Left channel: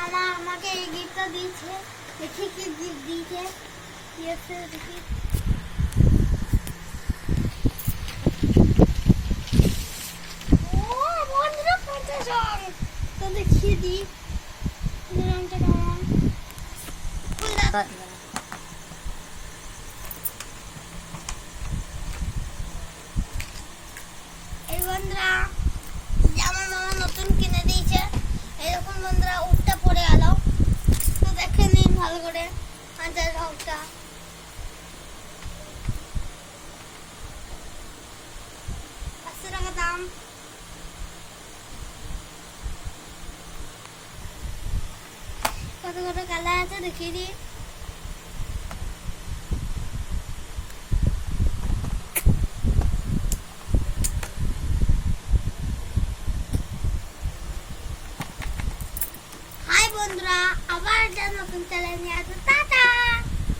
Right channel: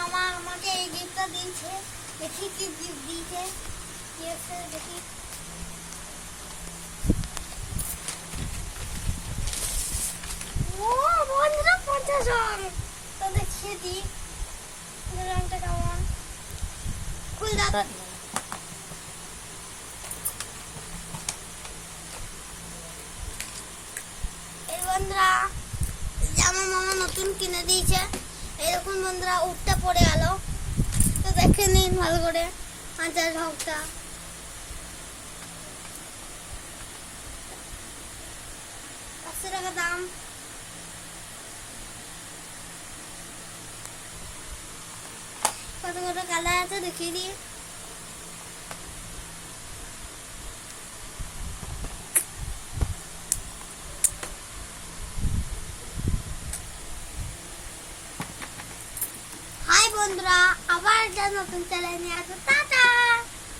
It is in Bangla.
মামা আমাকে এই গিফটটা দিয়েছে। দেখি কি গিফট দিয়েছে। কি আছে দেখি। ও বন্ধুরা 50 রং। তো দেখিয়ে দিই রংটা কেমন। এই বন্ধুরা আমার মামা নতুন কিনে দিয়েছে। এরকম বন্ধুরা উঠতে পড়ে গেল। তো দেখে নিন ভালো করে 50 রংটা। টাকা দাম। কত কত কালার আছে দেখিয়ে দিই। হাই বন্ধুরা, আবার একটা নতুন চ্যানেল নিয়ে আসবো।